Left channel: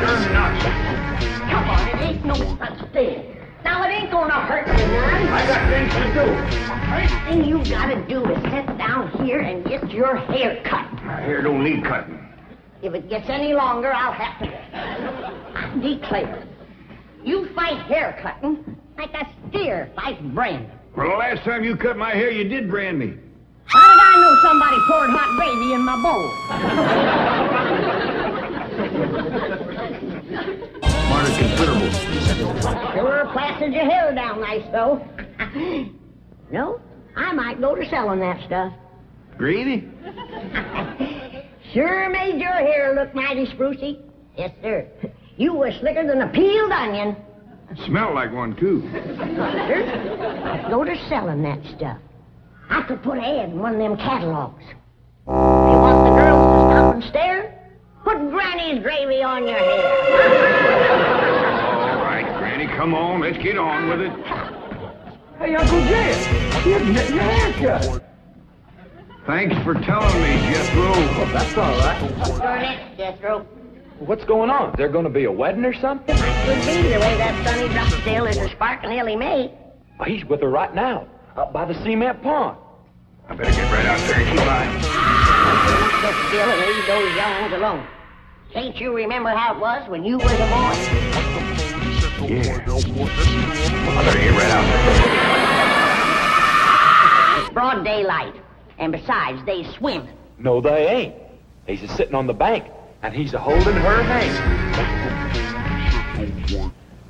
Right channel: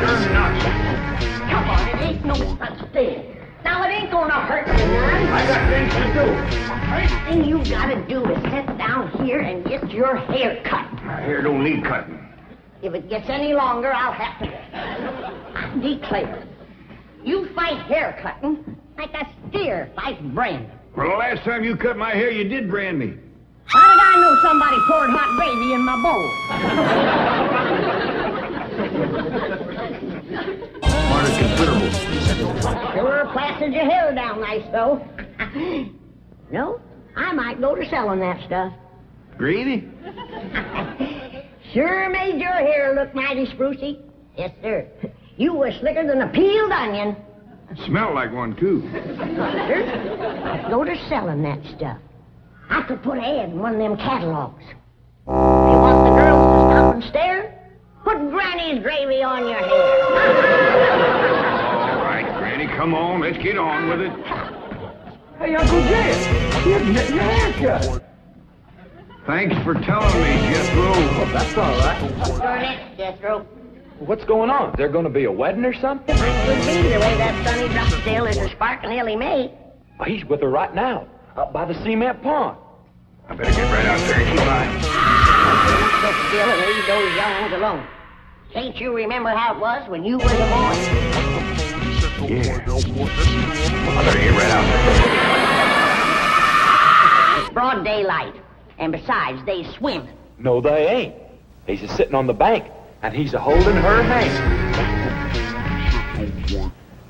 You're nuts. Come on, it ain't no such thing. Now, it ain't gonna hurt you none. I got things to do. First thing you gotta do is sit down here and get your hair cut. My hair don't need cutting. If it gets any longer, I'll have to. I declare, you fight hair cutting like a steer fights branding. Well, the last time you cut my hair, you did brand me. How did I know somebody poured hot gravy in my bowl? Smarter considerable. Sure plastered your hair down nice, though. No, I might go to selling that stuff. Gravy? Sure made your hair look mighty sprucey. Yes, sir. You were slicker than a peeled onion. Smelled like one, too. Sure. Go to selling that stuff. I could put an ad in one of them catalogs. If you want the girls to stop and stare, put Granny's gravy on your hair. All right, Granny, come on. Let's get on with it. Hey, Uncle Jed, you're getting your hair cut. Thanks for telling me, Jethro. Oh, that's all right. Darn it, Jethro. What's going on? Is there going to be a wedding or something? Could be the way that sunny Drysdale is a sparking Ellie Mae. Oh, he's with her right now, up by the cement pond. I better get right out there and keep eye. Sit still and leave those young ones alone. Can't you remember how it was when you was a boy? Yeah. I better get right out there. It's broad daylight. And besides, they swim. No, they ain't. He's a sitting on the bank, and he's a holding her hand.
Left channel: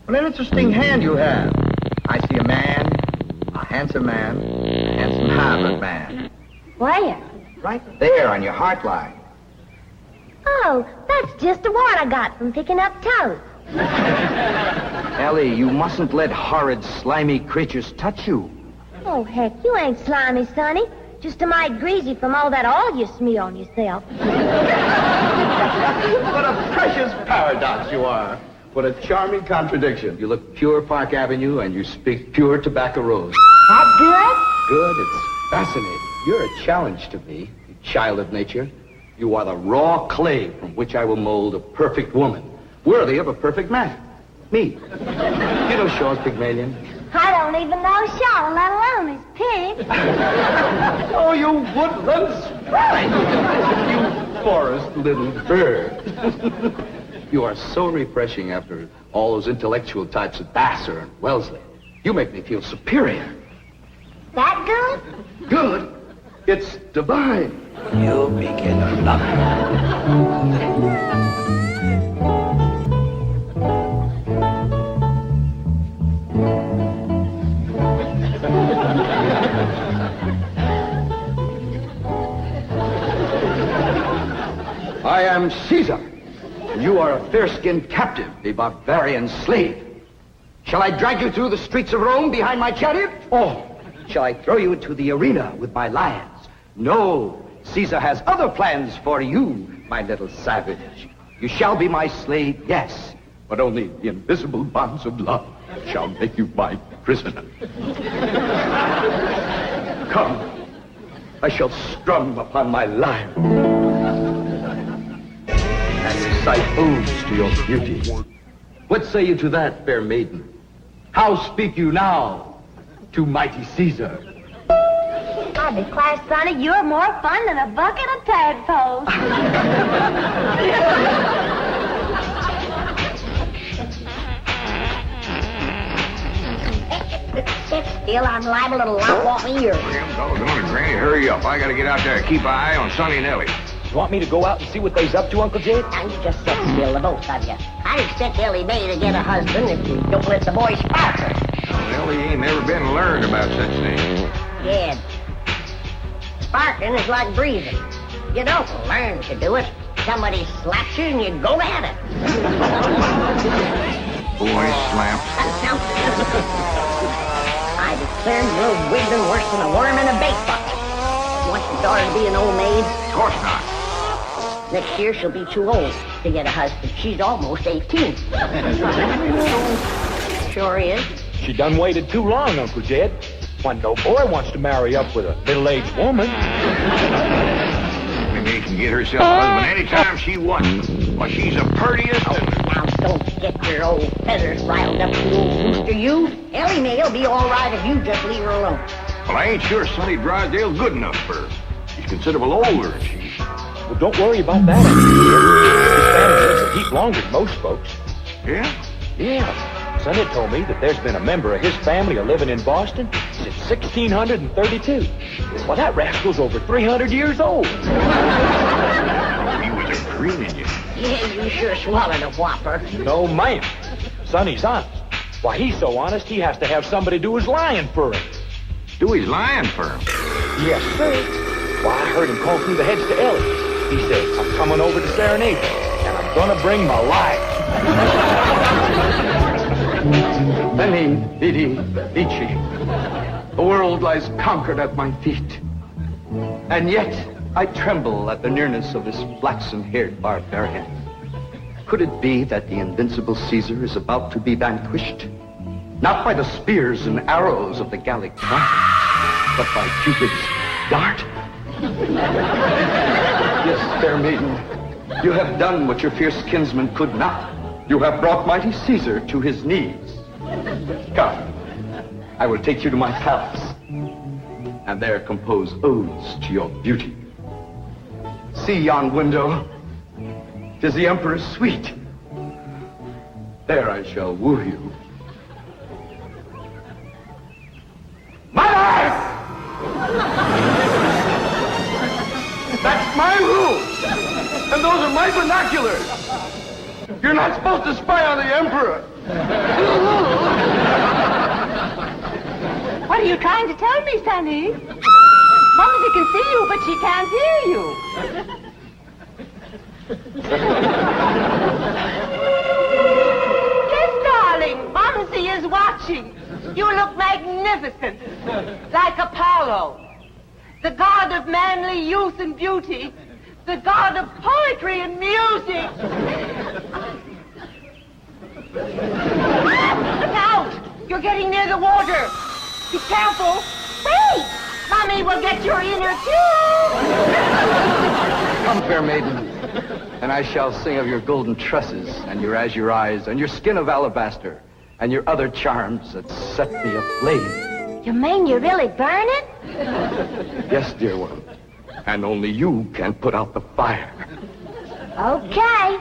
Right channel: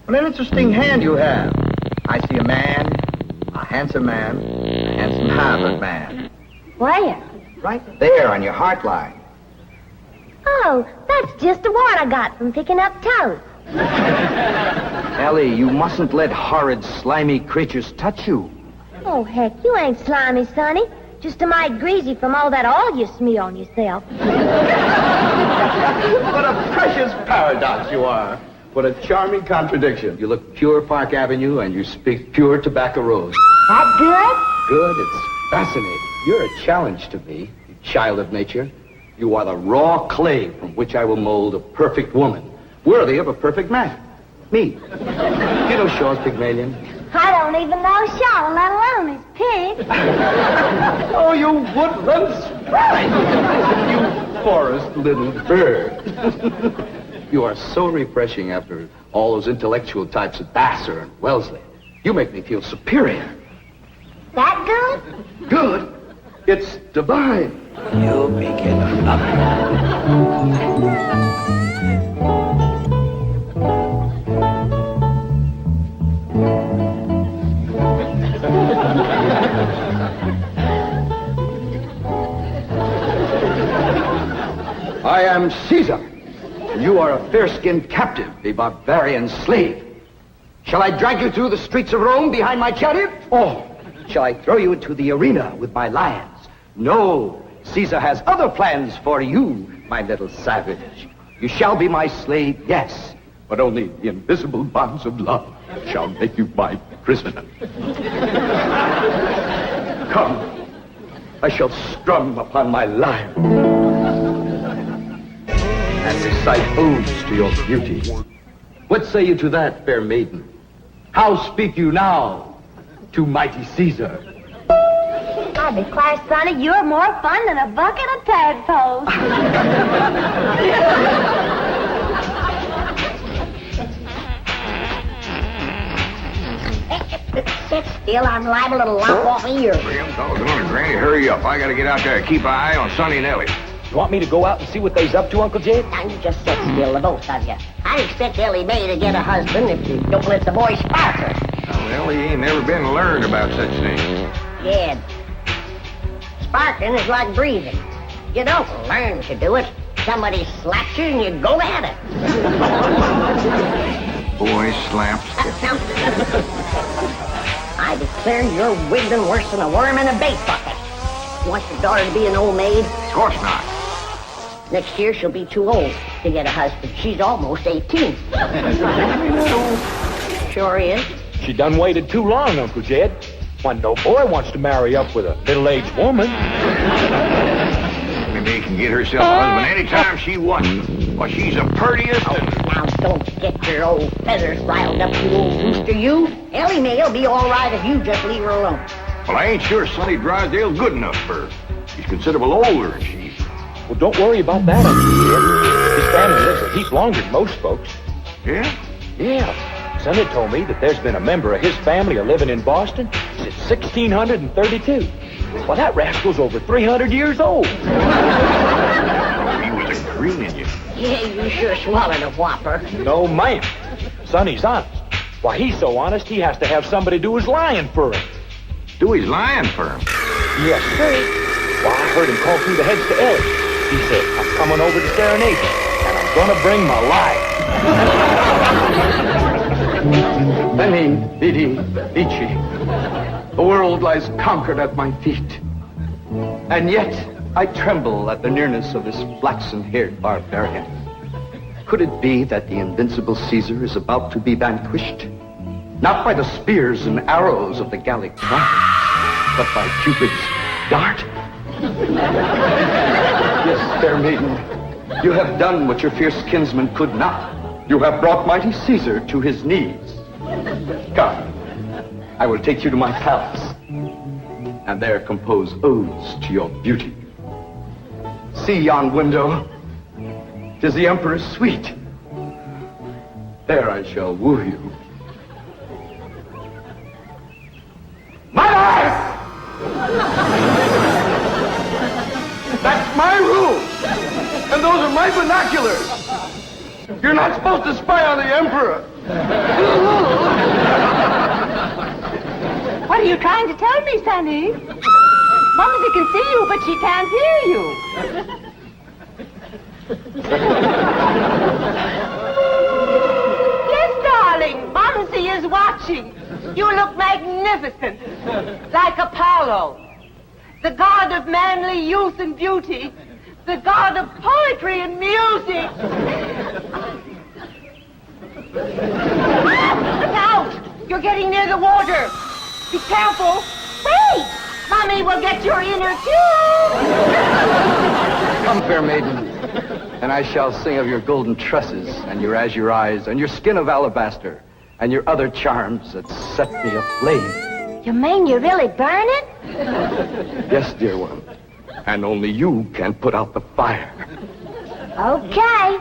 What an interesting hand you have. I see a man, a handsome man, a handsome Harvard man. Where? Right there on your heart line. Oh, that's just the one I got from picking up toast. Ellie, you mustn't let horrid, slimy creatures touch you. Oh, heck, you ain't slimy, Sonny. Just a mite greasy from all that oil you smear on yourself. What a precious paradox you are. What a charming contradiction. You look pure Park Avenue and you speak pure Tobacco Road. That good? Good, it's fascinating. You're a challenge to me, you child of nature. You are the raw clay from which I will mold a perfect woman, worthy of a perfect man. Me. You know Shaw's Pygmalion? I don't even know Shaw, let alone his pig. Oh, you woodland sprite! You forest little bird. You are so refreshing after all those intellectual types of Vassar and Wellesley. You make me feel superior. That good? Good? It's divine. You begin another. I am Caesar, and you are a fair-skinned captive, a barbarian slave. Shall I drag you through the streets of Rome behind my chariot? Or shall I throw you into the arena with my lions? No, Caesar has other plans for you, my little savage. You shall be my slave, yes, but only the invisible bonds of love shall make you my prisoner. Come, I shall strum upon my lyre and recite odes to your beauty. What say you to that, fair maiden? How speak you now to mighty Caesar? I declare, Sonny, you're more fun than a bucket of tadpoles. Sit still, I'm liable to lop off of yours. Damn doggone it, Granny. Hurry up. I gotta get out there and keep an eye on Sonny and Ellie. You want me to go out and see what they's up to, Uncle Jed? Now, you just sit still, the both of you. I'd expect Ellie Mae to get a husband if you don't let the boy spark her. Well, Ellie ain't never been learned about such things. Yeah. Sparking is like breathing. You don't learn to do it. Somebody slaps you and you go at it. Boy slaps. I declare you're wiggling worse than a worm in a bait bucket. You want your daughter to be an old maid? Of course not. Next year she'll be too old to get a husband. She's almost 18. Sure is. She done waited too long, Uncle Jed. When no boy wants to marry up with a middle-aged woman. Maybe she can get herself a husband anytime she wants. Well, she's the prettiest and... Now, feathers riled up, you old rooster, you. Ellie May'll be all right if you just leave her alone. Well, I ain't sure Sonny Drysdale's good enough for her. He's considerable older than she is. Well, don't worry about that, Uncle Jed. His family lives a heap longer than most folks. Yeah? Yeah. Sonny told me that there's been a member of his family living in Boston since 1632. Well, that rascal's over 300 years old. He was a greening you. Yeah, you sure swallowed a whopper. No, ma'am. Sonny's honest. Why, he's so honest, he has to have somebody do his lying for him. Do his lying for him. Yes, sir. Why, I heard him call through the hedge to Ellie. He said, I'm coming over to serenade you, and I'm gonna bring my life. Veni, vidi, vici. The world lies conquered at my feet. And yet, I tremble at the nearness of this flaxen-haired barbarian. Could it be that the invincible Caesar is about to be vanquished? Not by the spears and arrows of the Gallic knight, but by Cupid's dart? Yes, fair maiden, you have done what your fierce kinsman could not. You have brought mighty Caesar to his knees. Come, I will take you to my palace, and there compose odes to your beauty. See yon window. 'Tis the Emperor's suite. There I shall woo you. My life! That's my rules, and those are my binoculars. You're not supposed to spy on the Emperor. What are you trying to tell me, Sonny? Mumsy can see you, but she can't hear you. Yes, darling, Mumsy is watching. You look magnificent, like Apollo, the god of manly youth and beauty, the god of poetry and music. Look out! You're getting near the water. Be careful. Wait! Mommy will get your inner tube. Come, fair maiden, and I shall sing of your golden tresses, and your azure eyes, and your skin of alabaster, and your other charms that set me aflame. You mean you're really burning? Yes, dear one, and only you can put out the fire. Okay.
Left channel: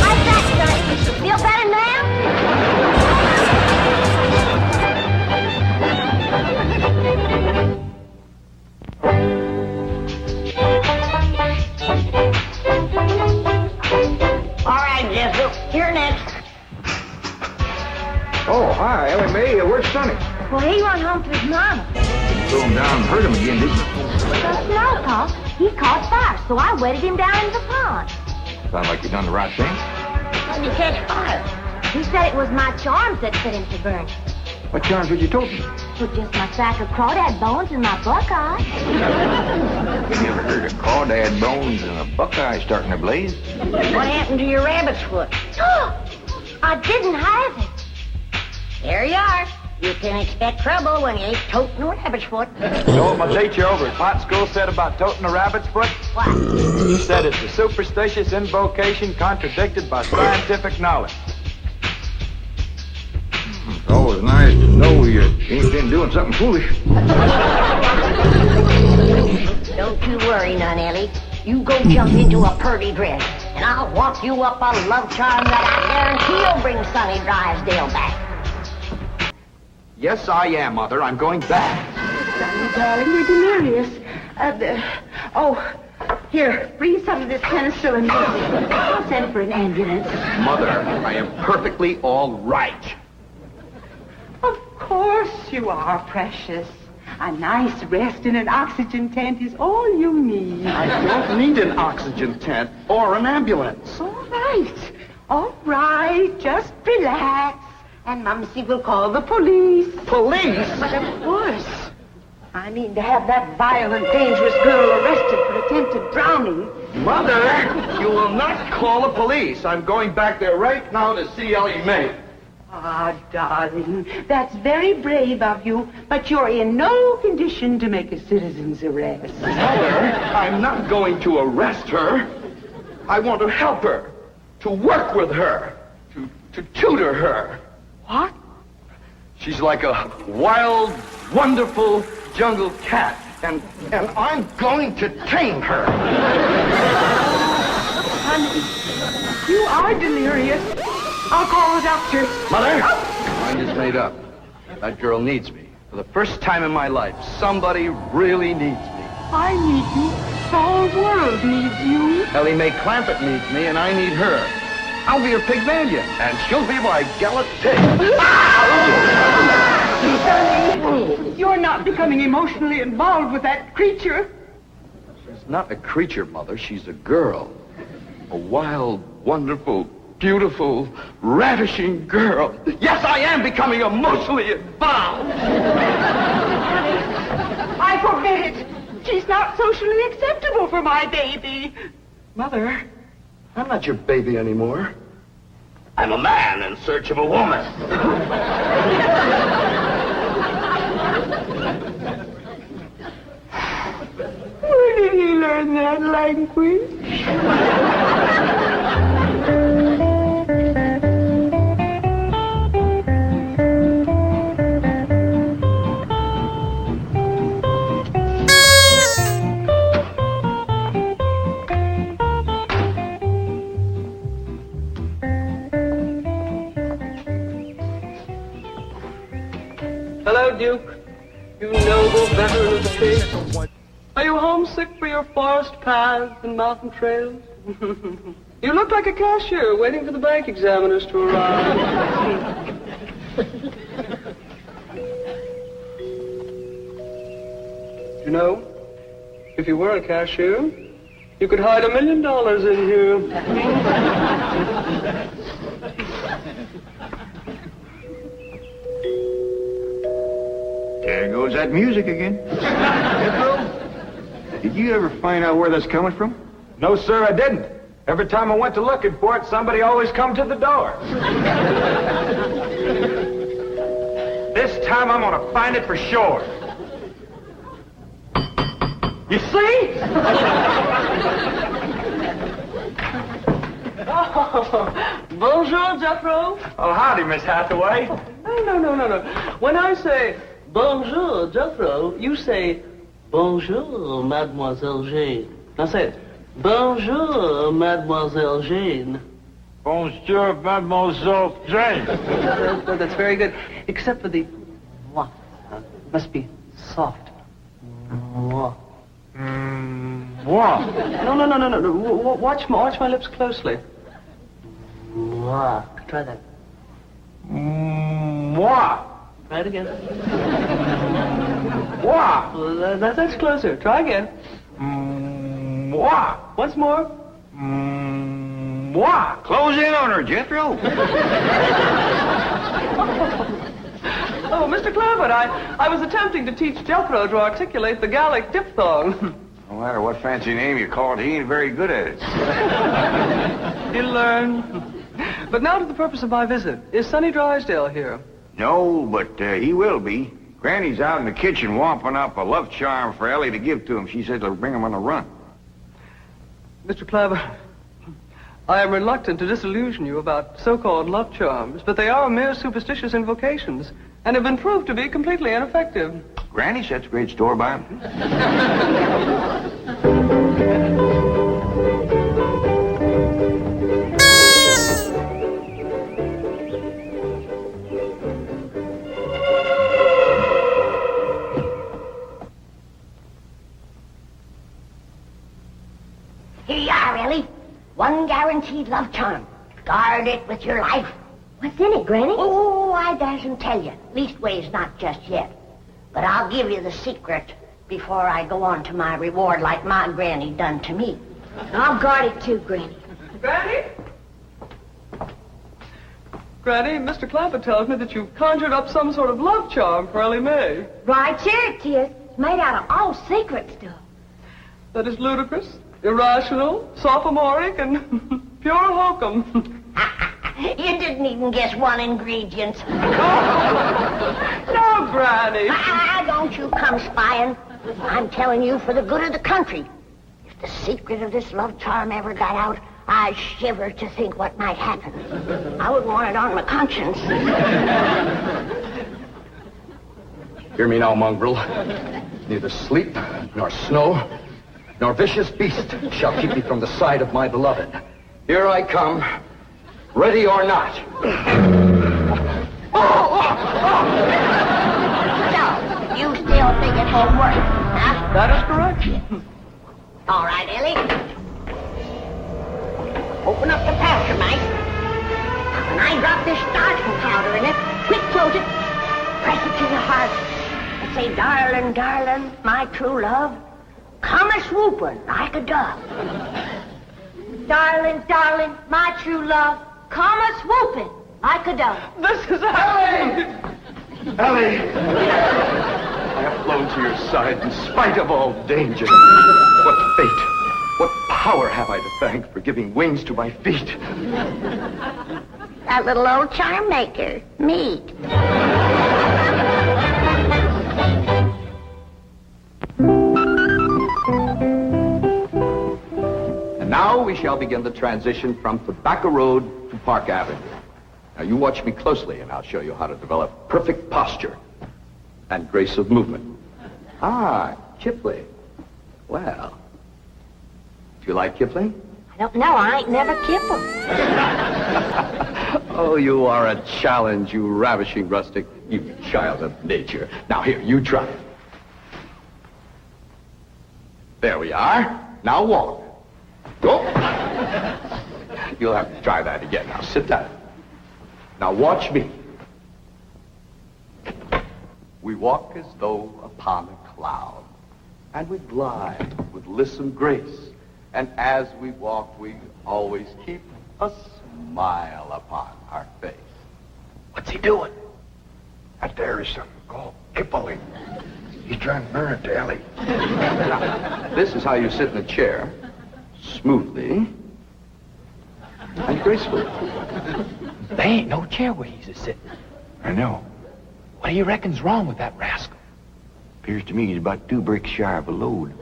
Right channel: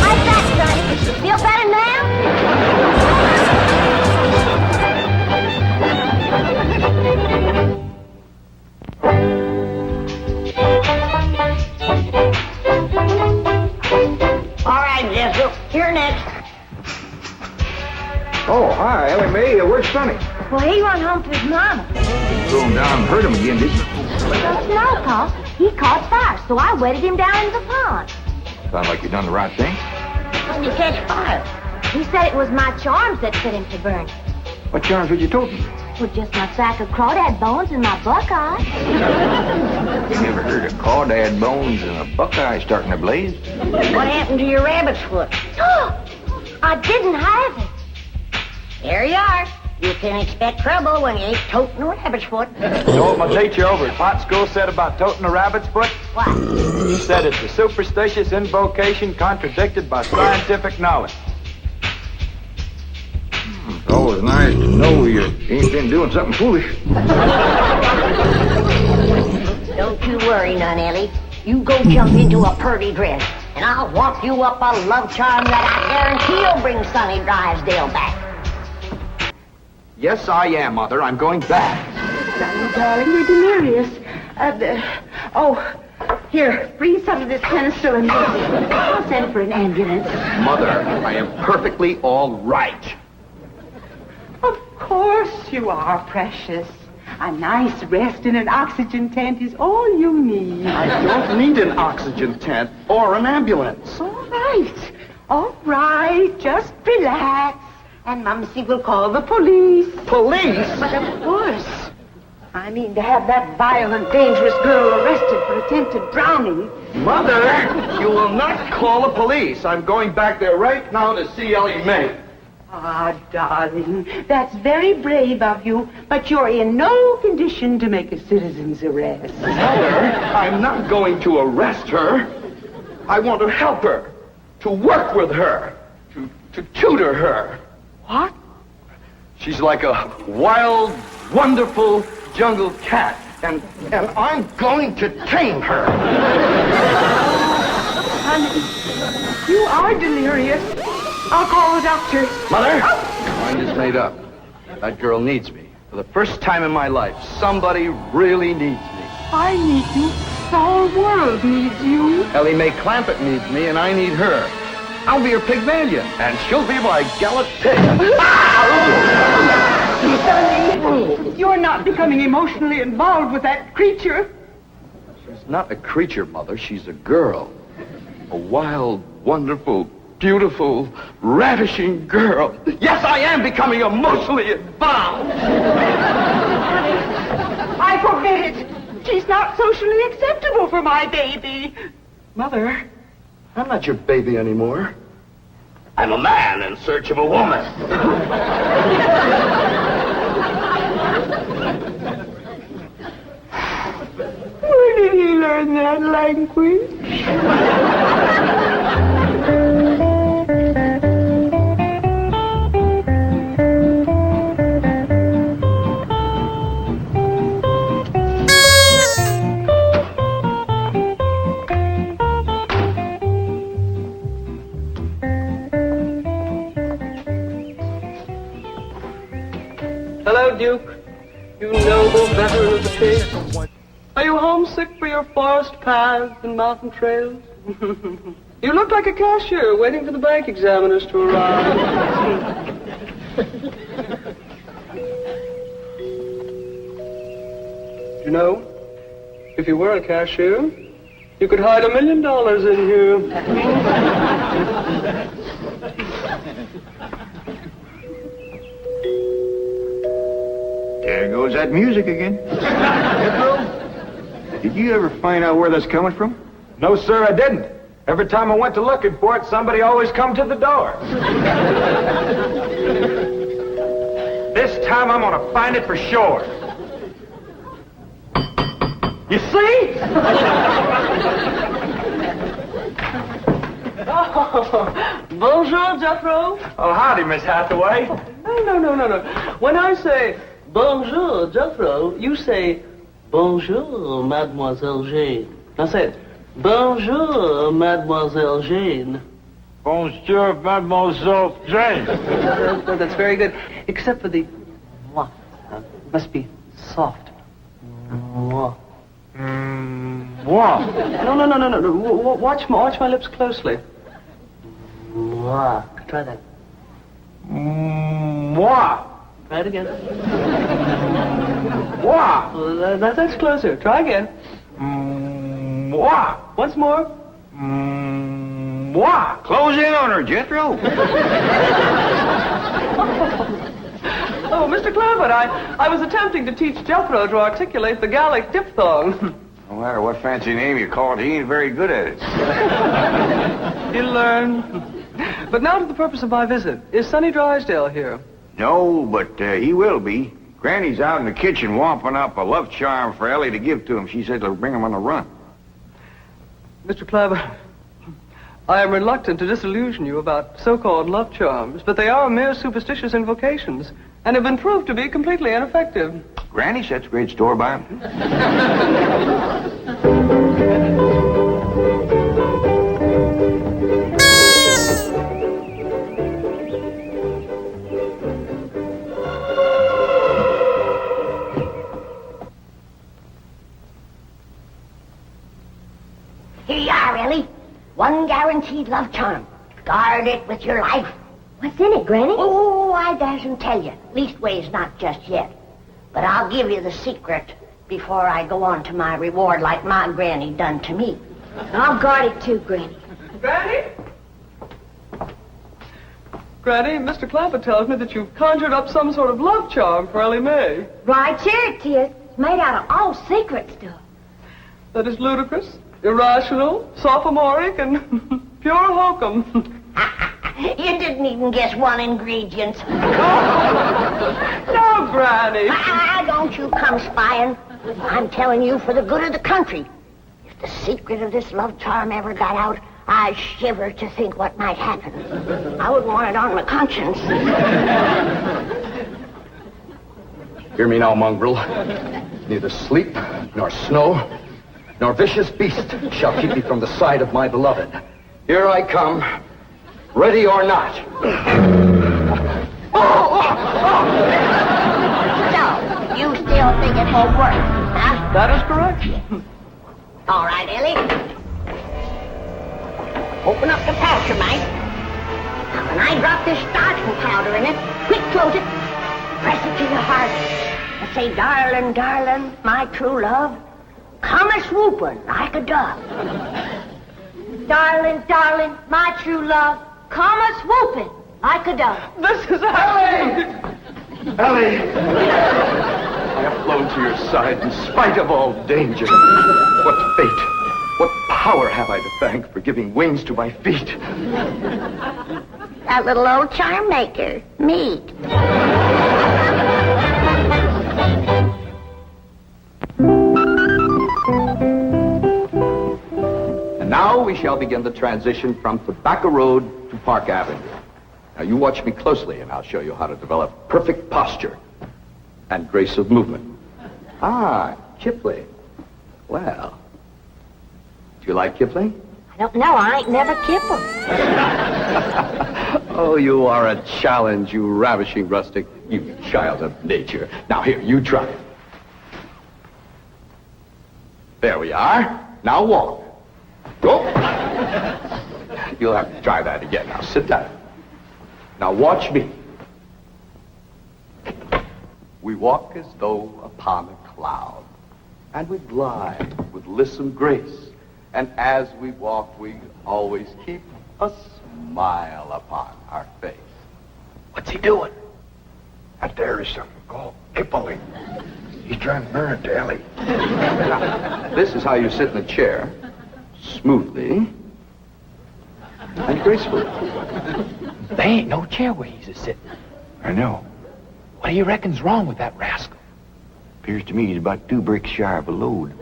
How's that, Sonny? Feel better now? All right, Jethro, you're next. Oh, hi, Ellie Mae. Where's Sonny? Well, he run home to his mama. Going down and hurt him again, did you? Well, no, Paul. He caught fire, so I wetted him down in the pond. Sounds like you done the right thing. How did you catch fire? He said it was my charms that set him to burn. What charms did you told me? Well, just my sack of crawdad bones and my buckeye. You ever heard of crawdad bones and a buckeye starting a blaze? What happened to your rabbit's foot? I didn't have it. There you are. You can expect trouble when you ain't toting a rabbit's foot. You know what my teacher over at Pot School said about toting a rabbit's foot? What? He said it's a superstitious invocation contradicted by scientific knowledge. It's always nice to know you ain't been doing something foolish. Don't you worry none, Ellie. You go jump into a purty dress, and I'll walk you up a love charm that I guarantee will bring Sonny Drysdale back. Yes, I am, Mother. I'm going back. Darling, you're delirious. Here, bring some of this penicillin. I'll send for an ambulance. Mother, I am perfectly all right. Of course you are, precious. A nice rest in an oxygen tent is all you need. I don't need an oxygen tent or an ambulance. All right, just relax. And Mumsy will call the police. Police? But of course. I mean, to have that violent, dangerous girl arrested for attempted drowning. Mother, you will not call the police. I'm going back there right now to see Ellie Mae. Ah, darling, that's very brave of you, but you're in no condition to make a citizen's arrest. Mother, I'm not going to arrest her. I want to help her, to work with her, to tutor her. What? She's like a wild, wonderful jungle cat, and I'm going to tame her. Honey, you are delirious. I'll call the doctor. Mother, my mind is made up. That girl needs me. For the first time in my life, somebody really needs me. I need you. The whole world needs you. Ellie Mae Clampett needs me, and I need her. I'll be her Pygmalion, and she'll be my gallant pig. You're not becoming emotionally involved with that creature. She's not a creature, Mother. She's a girl. A wild, wonderful, beautiful, ravishing girl. Yes, I am becoming emotionally involved. I forbid it. She's not socially acceptable for my baby. Mother, I'm not your baby anymore. I'm a man in search of a woman. Where did he learn that language? Hello, Duke. You noble veteran of the faith. Are you homesick for your forest paths and mountain trails? You look like a cashier waiting for the bank examiners to arrive. You know, if you were a cashier, you could hide $1 million in here. There goes that music again. Jethro, did you ever find out where that's coming from? No, sir, I didn't. Every time I went to looking for it, somebody always come to the door. This time I'm gonna find it for sure. You see? Oh, bonjour, Jethro. Oh, howdy, Miss Hathaway. No. When I say bonjour, Jethro, you say bonjour, Mademoiselle Jane. Now say it. Bonjour, Mademoiselle Jane. Bonjour, Mademoiselle Jane. That's very good. Except for the mwah. It must be soft. Mwah. What? No. Watch my lips closely. Mwah. Try that. What? Try it again. What? Well, that's closer. Try again. What? Once more. What? Close in on her, Jethro. Oh, Mr. Clampett, I was attempting to teach Jethro to articulate the Gallic diphthong. No matter what fancy name you call it, he ain't very good at it. He'll learn. But now to the purpose of my visit. Is Sonny Drysdale here? No, but he will be. Granny's out in the kitchen whomping up a love charm for Ellie to give to him. She said it'll bring him on the run. Mr. Clampett, I am reluctant to disillusion you about so-called love charms, but they are mere superstitious invocations and have been proved to be completely ineffective. Granny sets great store by him. Here you are, Ellie. One guaranteed love charm. Guard it with your life. What's in it, Granny? Oh, I dasn't tell you. Leastways, not just yet. But I'll give you the secret before I go on to my reward like my granny done to me. I'll guard it too, Granny. Granny? Granny, Mr. Clampett tells me that you've conjured up some sort of love charm for Ellie Mae. Right here it is. It's made out of all secret stuff. That is ludicrous, irrational, sophomoric, and pure hokum. You didn't even guess one ingredient. No, Granny. Don't you come spying. I'm telling you for the good of the country. If the secret of this love charm ever got out, I shiver to think what might happen. I wouldn't want it on my conscience. Hear me now, mongrel. Neither sleep, nor snow, nor vicious beast shall keep me from the side of my beloved. Here I come, ready or not. So, you still think it won't work, huh? That is correct. All right, Ellie. Open up the pouch, Mike. Now, when I drop this starching powder in it, quick float it, press it to your heart, and say, darling, darling, my true love, come a-swooping like a dove. Darling, darling, my true love, come a-swooping like a dove. This is Ellie! Ellie! I have flown to your side in spite of all danger. What fate, what power have I to thank for giving wings to my feet? That little old charm maker, me. And now we shall begin the transition from Tobacco Road to Park Avenue. Now you watch me closely and I'll show you how to develop perfect posture and grace of movement. Ah, Kipling. Well, do you like Kipling? I don't know. I ain't never kibbled. Oh, you are a challenge, you ravishing rustic, you child of nature. Now here, you try. There we are. Now walk. Go. You'll have to try that again. Now sit down. Now watch me. We walk as though upon a cloud, and we glide with lissom grace. And as we walk, we always keep a smile upon our face. What's he doing? Out there is something called Beverly. He's trying to burn it to Ellie. Now, this is how you sit in a chair, smoothly and gracefully. There ain't no chair where he's a-sitting. I know. What do you reckon's wrong with that rascal? Appears to me he's about 2 bricks shy of a load.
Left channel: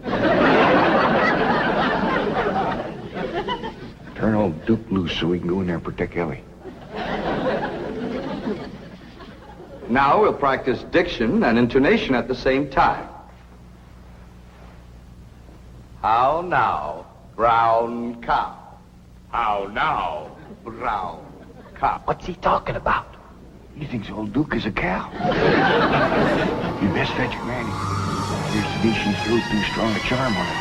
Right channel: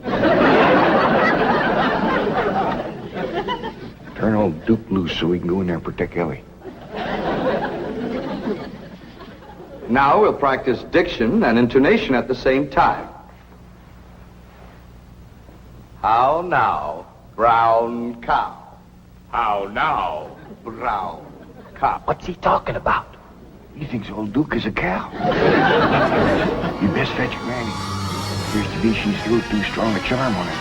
Turn old Duke loose so we can go in there and protect Ellie. Now we'll practice diction and intonation at the same time. How now, brown cow? How now, brown cow? What's he talking about? He thinks old Duke is a cow. You best fetch Granny. Appears to be she's threw too strong a charm on it.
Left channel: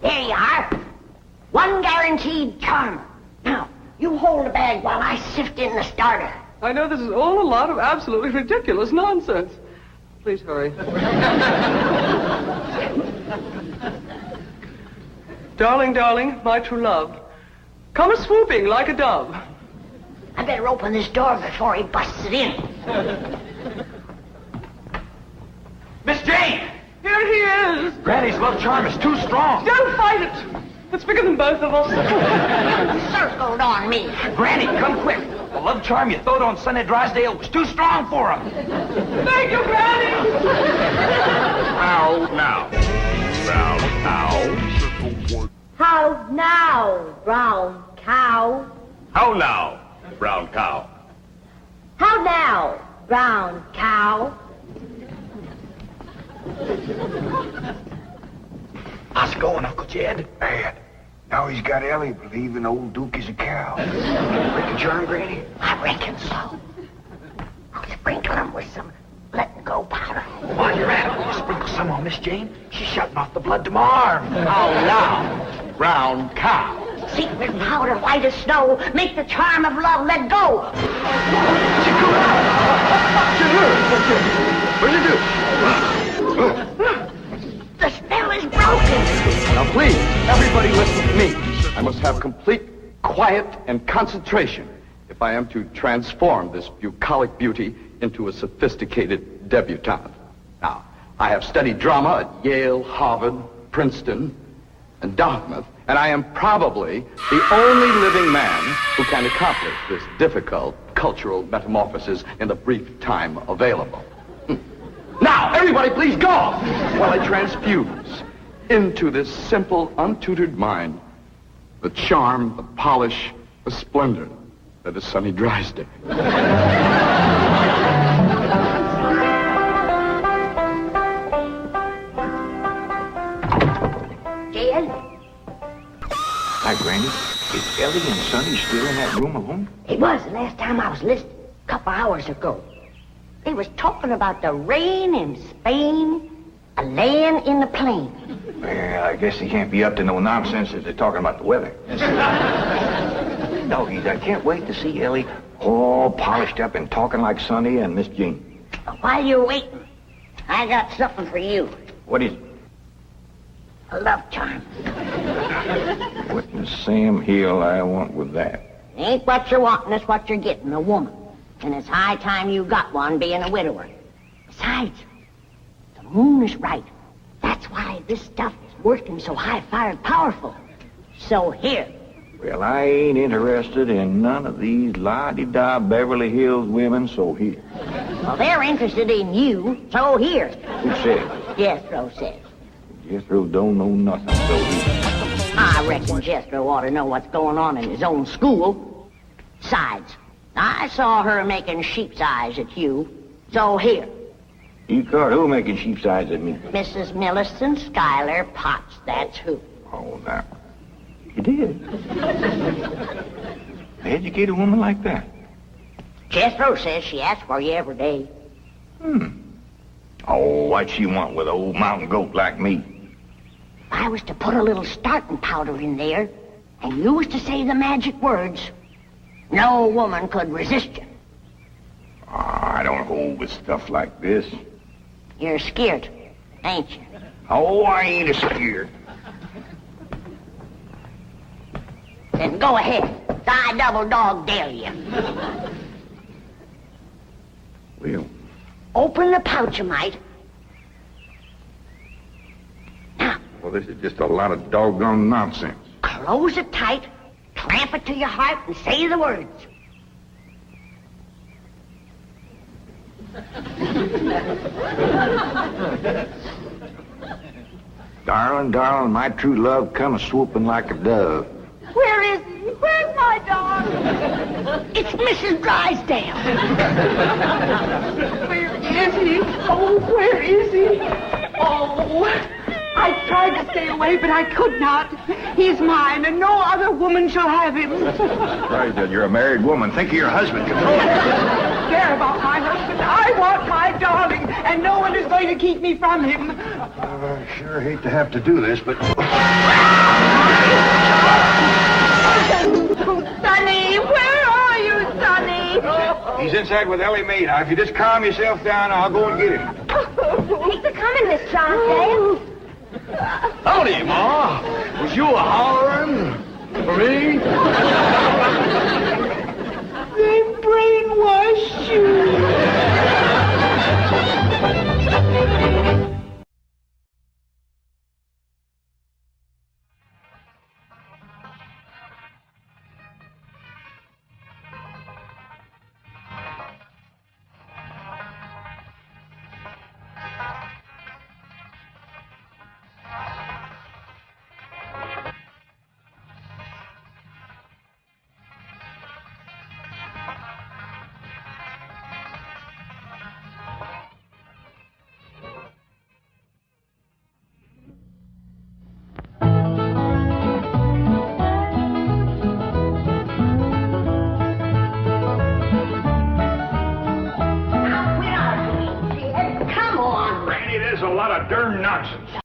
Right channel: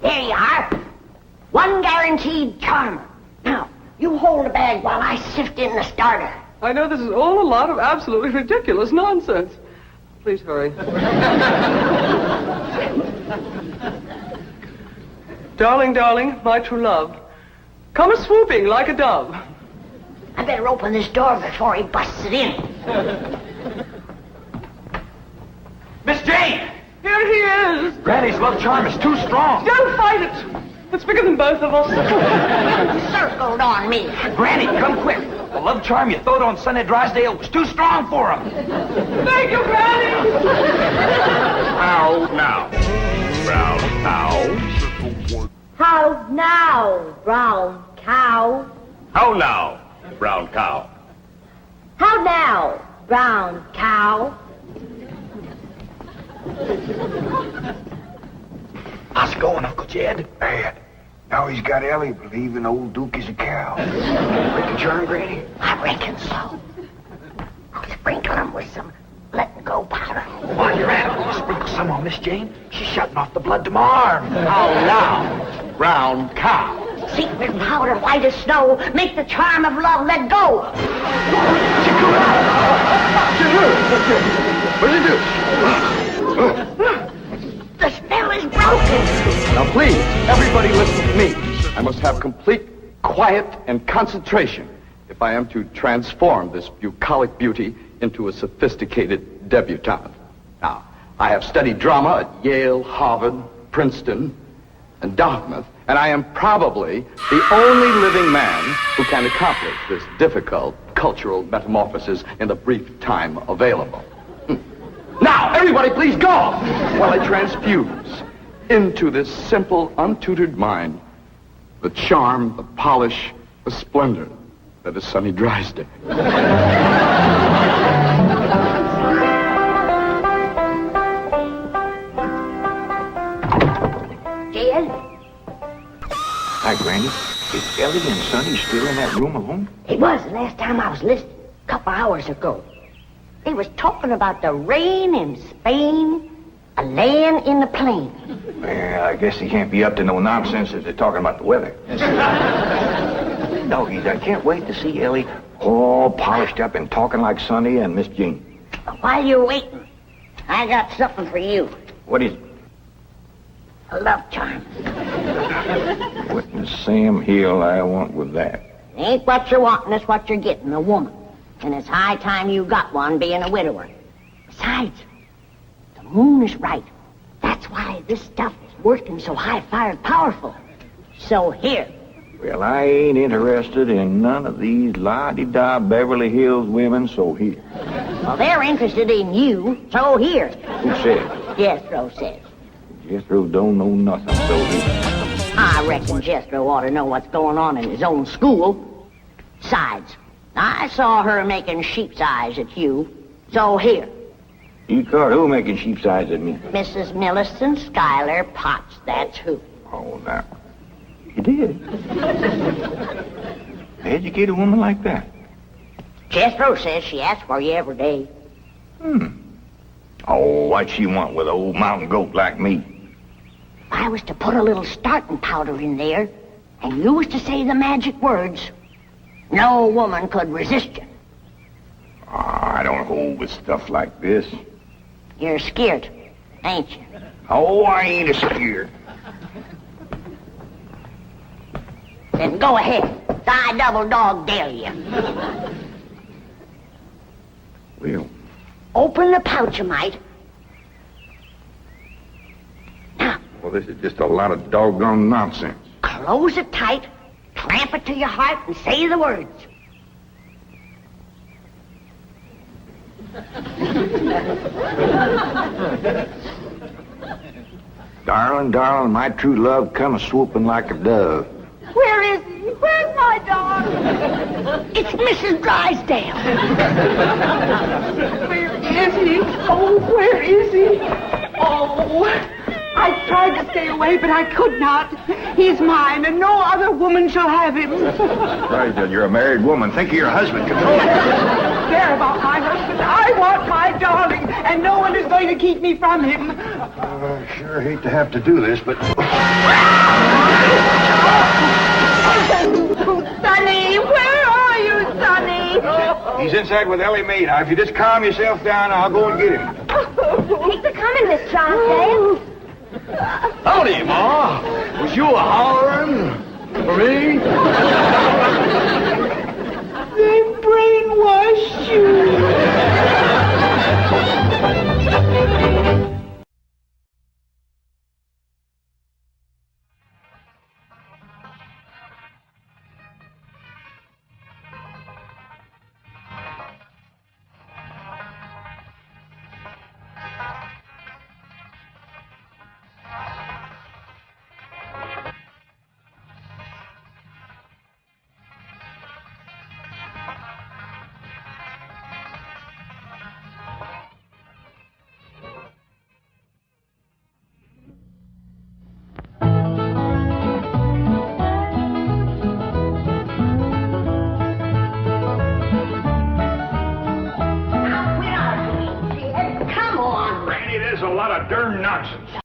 There you are. One guaranteed charm. Now, you hold the bag while I sift in the starter. I know this is all a lot of absolutely ridiculous nonsense. Please hurry. Darling, darling, my true love, come a-swooping like a dove. I better open this door before he busts it in. Miss Jane! Here he is! Granny's love charm is too strong. Don't fight it! It's bigger than both of us. Circled on me. Granny, come quick. The love charm you throwed on Sunny Drysdale was too strong for him. Thank you, Granny! How now, brown cow? How now, brown cow? How now, brown cow? How now, brown cow? How's it going, Uncle Jed? Bad. Now he's got Ellie believing old Duke is a cow. Break the charm, Granny? I reckon so. I'll sprinkle him with some letting-go powder. While you're at it, will you sprinkle some on Miss Jane? She's shutting off the blood to my arm. How now, brown cow? Secret powder, white as snow, make the charm of love let go. What do you do? The spell is broken. Now please, everybody listen to me. I must have complete quiet and concentration if I am to transform this bucolic beauty into a sophisticated debutante. Now, I have studied drama at Yale, Harvard, Princeton, and Dartmouth, and I am probably the only living man who can accomplish this difficult cultural metamorphosis in the brief time available. Now, everybody please go! While I transfuse into this simple, untutored mind the charm, the polish, the splendor that is Sonny Drysdale. Dad? Hi, Granny. Is Ellie and Sonny still in that room alone? It was the last time I was listening, a couple hours ago. They was talking about the rain in Spain, a land in the plain. Well, I guess they can't be up to no nonsense if they're talking about the weather. Doggies, I can't wait to see Ellie all polished up and talking like Sonny and Miss Jean. While you're waiting, I got something for you. What is it? A love charm. What in Sam Hill I want with that? Ain't what you're wanting, it's what you're getting, a woman. And it's high time you got one, being a widower. Besides, the moon is right. That's why this stuff is working so high-fired powerful. So here. Well, I ain't interested in none of these la-di-da Beverly Hills women, so here. Well, they're interested in you, so here. Who said? Jethro says. Jethro don't know nothing, so here. I reckon Jethro ought to know what's going on in his own school. Besides, I saw her making sheep's eyes at you, so here. You caught who making sheep's eyes at me? Mrs. Millicent Schuyler Potts, that's who. Oh, now. You did? Educate a woman like that? Jethro says she asks for you every day. Oh, what she want with an old mountain goat like me? If I was to put a little starting powder in there, and you was to say the magic words, no woman could resist you. I don't hold with stuff like this. You're scared, ain't you? Oh, I ain't scared. Then go ahead. I double dog dare you. Well, Open the pouch a mite. Now, well, this is just a lot of doggone nonsense. close it tight, clamp it to your heart, and say the words. Darling, darling, my true love come a-swooping like a dove. Where is he? Where's my darling? It's Mrs. Drysdale. Where is he? Oh, where is he? Oh, I tried to stay away, but I could not. He's mine, and no other woman shall have him. Drysdale, you're a married woman. Think of your husband. Come on. Care about my husband. I want my darling, and no one is going to keep me from him. I sure hate to have to do this, but... Sonny, where are you, Sonny? He's inside with Ellie Mae. Now, if you just calm yourself down, I'll go and get him. Thanks for coming, Miss Drysdale. Howdy, Ma. Was you a-hollering for me? They brainwashed you. There's a lot of darn nonsense.